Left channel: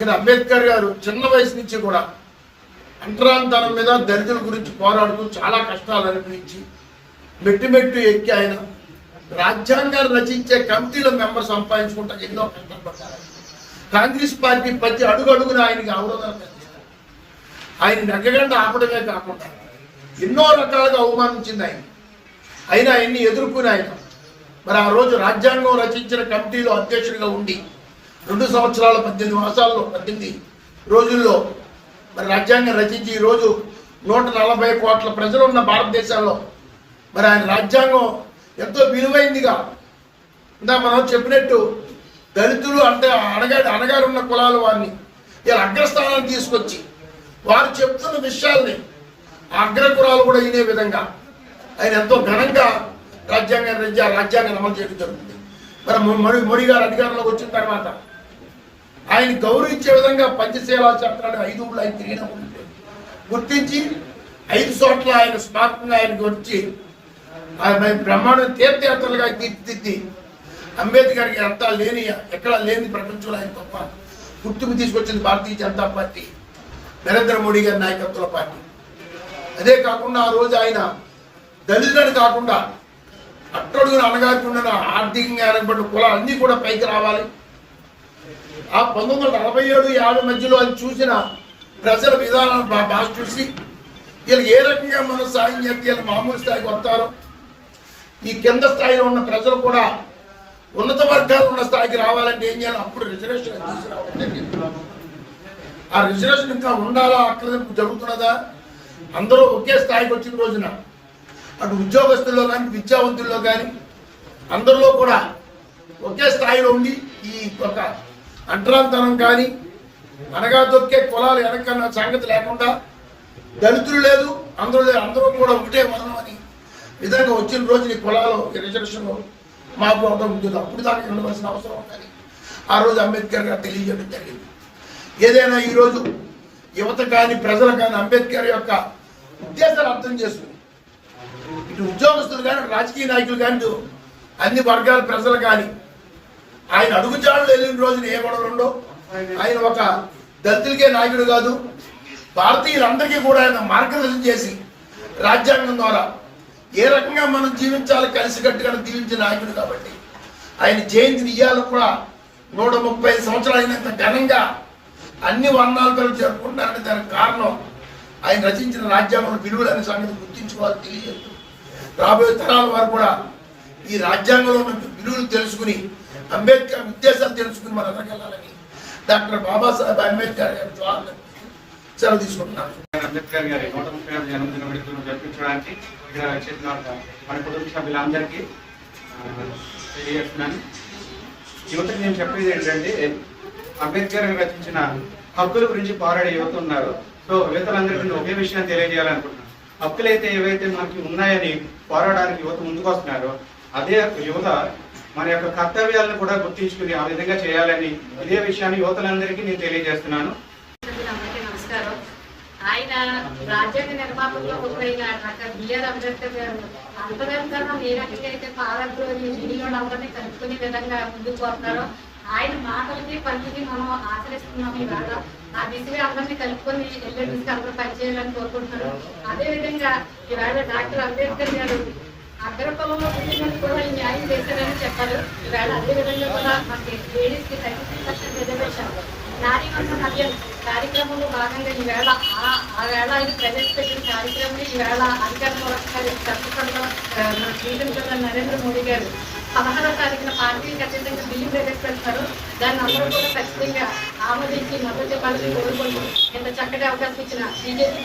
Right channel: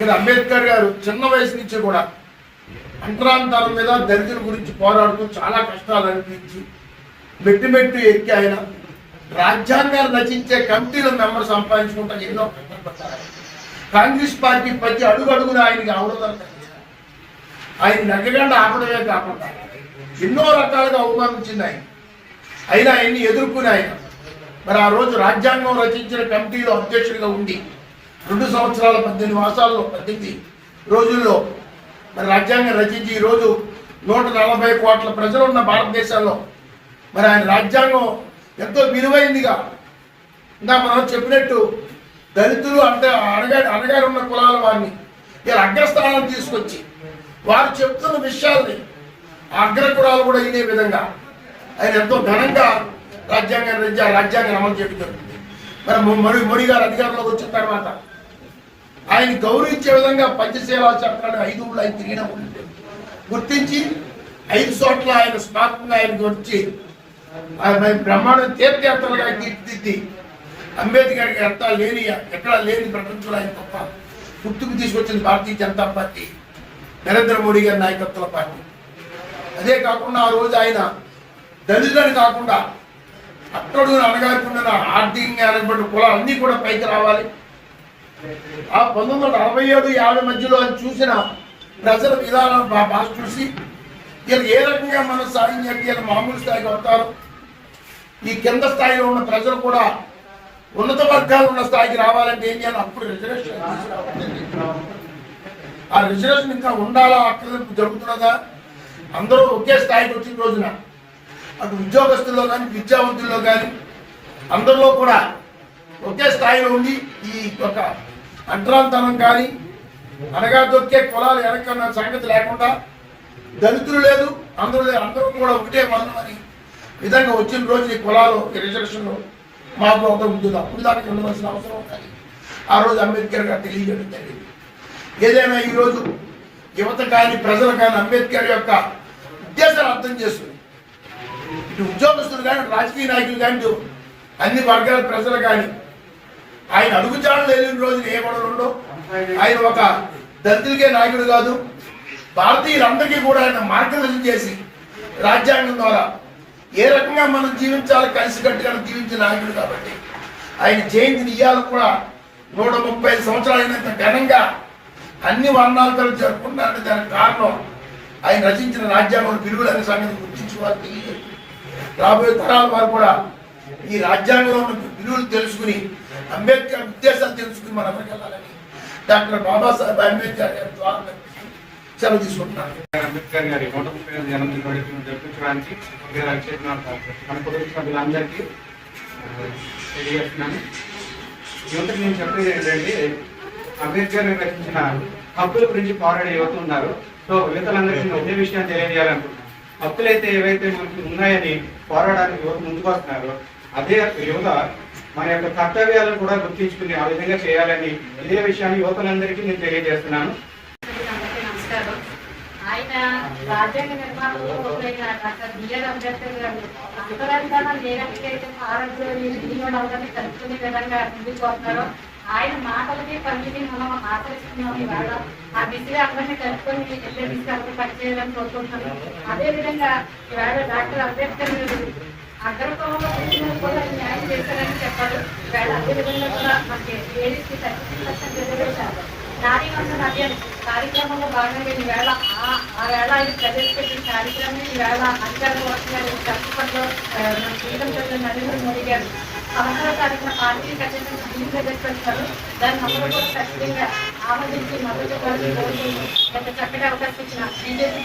ఇక్కడ అంబేద్కర్ గారు చిన్న వయసు నుంచి కూడా అంటరాంతరం మీద దళితుల గురించి పోరాడుతూ చాలా కష్టాలు అనిపించి మెట్టు మెట్టు ఎక్కి ఆయన రాజ్యాంగాన్ని రచించే కమిటీల మెంబర్ సంపాదించుకుంటా ఎన్నో కష్టపడ్డారు. కాంగ్రెస్ పార్టీ ప్రతి అడుగున ఆయనకి అవరోధాలు కలిగించారు. ఆయన నగ్గకుండా ఆపడమే కాకుండా ఎన్నో రకాలుగా అవమానించింది ఆయన. అయినా ఎన్ని ఎదుర్కొని ఆయన మరి ఆ రోజు రాజ్యాంగం రచించిన కమిటీలో అధ్యక్షుడిగా ఉండి 2 సంవత్సరాల 18 మాసాల్లో 18 రోజుల్లో మరి రాజ్యాంగం రచించి ఈరోజు 140 కోట్ల ప్రజలు ఉన్న భారతదేశంలో మరి ఆయన రాజ్యాంగం ఎంతో విలువైందిగా ఇందా మనం చెప్పినట్టు దళితులు అంటే అణగారున్న కులాల వారిని ఇలా అగ్రస్థానం తీసుకొచ్చి వారు చెప్తున్న విషయాల్ని అగ్రకులాలు కూడా ఇదే విధంగా ఆయన ఎంతో ఘనంగా రాజ్యాంగాన్ని అమలు చేయడం జరుగుతుంది. మరి మోడీ గారు అధికారంలోకి వచ్చిన తర్వాత ఆయన గౌరవించే విధంగా పంచశీలా చట్టాలు 5 ఊళ్ళు ఆయన తిరిగిన గుర్తించి 5 చోట్ల ఆయన స్మారకంగా ఆయనకు వచ్చి ఆయన బ్రహ్మాండం తీర్థయాత్రలుగా తీర్చిదిద్ది అంబేద్కర్కి ఎక్కడా లేని ప్రపంచంలో ఆయన తప్ప గుర్తుకు తీసుకొచ్చింది భారతీయ జనతా పార్టీ, నరేంద్ర మోడీ గారి నాయకత్వంలో పార్టీ. అదే కాకుండా ఆ రోజు ఆయన దళితులని కాకుండా అట్టడుగున అనగాకుండా ఆర్థికంగా అనబడిన కులాలు అన్నీ కూడా పైకి రావాలి. ఆ 1947-50 మధ్యలో అది చూసిన ప్రజల విధానాలు బాగా చూసి వీళ్ళు ఏ రకంగా మనం సాయం చేస్తే మామూలు స్థాయికి వస్తారు, ఈ కింద స్థాయిలో ఉన్న ప్రజలు కూడా ఉన్నత వర్గాలు ఉన్న స్థాయికి రావాలంటే ఏం చేయాలి? అప్పుడు రిజర్వేషన్ ఆ రిజర్వేషన్ ఇంకా ఉండాలా, అక్కడ జరుగుతున్నదా? అందరూ ఒకే స్థాయికి వచ్చిన రోజున అటు ఉద్యోగస్తుల్లో కానీ విద్యావంతుల్లో కానీ అందరిలో కూడా ఒకే స్థాయిలో ఉండి ఈ ఒక అగ్రాంతరం కానీ అనగా దొక్కే కులాలు వెనకన్న సంగతి లేకుండా దళితులు లేదు అందరూ లేదు, అందరూ కూడా ఒకటే మనం అని విధంగా వచ్చిన రోజు ఈ కులాలు రిజర్వేషన్లో మాకు ఒక ఉద్యోగం అప్పుడు దానికి ఉండవలసిన అవసరం ఉంటుంది. ఆ రోజు అంబేద్కర్ గారు తెలియజేయడం జరిగింది. ఏదైనా ఈరోజు యువత కానీ ప్రజలు కానీ అంబేద్కర్ యొక్క ఉద్దేశాలు అర్థం చేసుకుని ఇటు ఉద్యోగస్తులు కానీ రాజకీయ నాయకులు కానీ అన్ని వర్గాల ప్రజలు కానీ ఆయన అడుగుజాడలు వెళ్ళిన రోజున ఏ గొడవలు ఉండవు. ఆయన ఒక దళితులకే నాయకుడు కాదు, భారతీయులందరికీ కూడా ఆయన మార్గదర్శనం చేసి రాజ్యాంగం ద్వారా ఏ రకంగా మనం జీవించాలి కలిసికట్టుగా జీవించే నాయకుడు కాబట్టి ఆయన జయంతిని ఇయ్యాలి కూడా 130 సంవత్సరాలు అయినంత ఘనంగా అన్ని వర్ణాలు కలిసి జరుపుకుంటారని దానికి కారణం ఆయన రచించిన రాజ్యాంగం విలువలు అనే సంగతి గుర్తించుకోవాలి. తెలియదు రాబోయే తరాల వారు కూడా ఈ రాజ్యాంగంలో విలువలు తెలుసుకుని అంబేద్కర్ ఉద్దేశాలు తెలుసుకుని మన అందరికి వెళ్ళాలని డాక్టర్ బాబాసాహెబ్ అంబేద్కర్ గారి ద్వారా సెలవు తీసుకుంటున్నాను. అంబేద్కర్ గారి 130వ జన్మదిన వేడుకలు జరిపించడానికి మన కుటుంబ సభ్యులందరికీ తెలియజేస్తున్నాను. యువతకు నేను చెప్పేది ఏంటంటే అంబేద్కర్ గారు రచించిన హక్కుల గురించి పోరాడే యువత ఉన్నారు. సో యువతలందరికీ నేను ఒకే విషయాన్ని తెలియజేయాలనుకుంటున్నాను. హక్కులు అయితే ఏవైతే మనకి ఉన్నాయని పోరాడడానికి యువత ముందుకు వస్తున్నారో అదే యువత మన యొక్క కర్తవ్యాలను కూడా గుర్తించుకుని ఆ విధంగా చేయాలని ఇదే విషయాన్ని యువతలందరికీ నేను తెలియజేస్తున్నాను. నమస్కారం. ఆయన రాజ్యాంగ నిర్మాణంలో ఒకరైన డాక్టర్ బిఆర్ అంబేద్కర్ గారు అంతరంగానం ఏ రకమైతే ఆరోగ్యాన్ని కలుపుకునే విధంగా ముందుకు వస్తున్నారో ఆయన మాటలకి పనిని మనం ఆచరిస్తున్నాం. ఇవాళ ఆ దిశగా అందరినీ కలుపుకొని వెళ్ళే దిశగా అందరూ పనిచేయాలని కోరుకుంటున్నాను. అదేవిధంగా ఇవాళ డాక్టర్ అంబేద్కర్ గారు అగ్రకులంలో పుట్టినప్పుడు కూడా ఈ న్యాయం చేశారని చెప్పారు. ఈవేళ అదేవిధంగా కూడా మనకి లేడీస్కి 30% రిజర్వేషన్ నారీ వంశం అభ్యర్థి కార్యక్రమంలో భాగంగా ఈవేళ ఆ వేళ ఆయన ప్రవేశపెట్టిన కార్యక్రమం ఈవేళ అధికారుల కోసం చట్టసభలో శ్రీరంగంలో నరేంద్ర మోడీ గారు 16వ తారీఖున పార్టీకి ఖచ్చితంగా బిల్లు ప్రవేశపెడతారు. దాన్ని అందరూ కూడా ఖచ్చితంగా ఆమోదించి మద్దతు చెప్పాలని కోరుకుంటూ ఎంత చక్కటి అవకాశం ఇచ్చిన బీజేపీ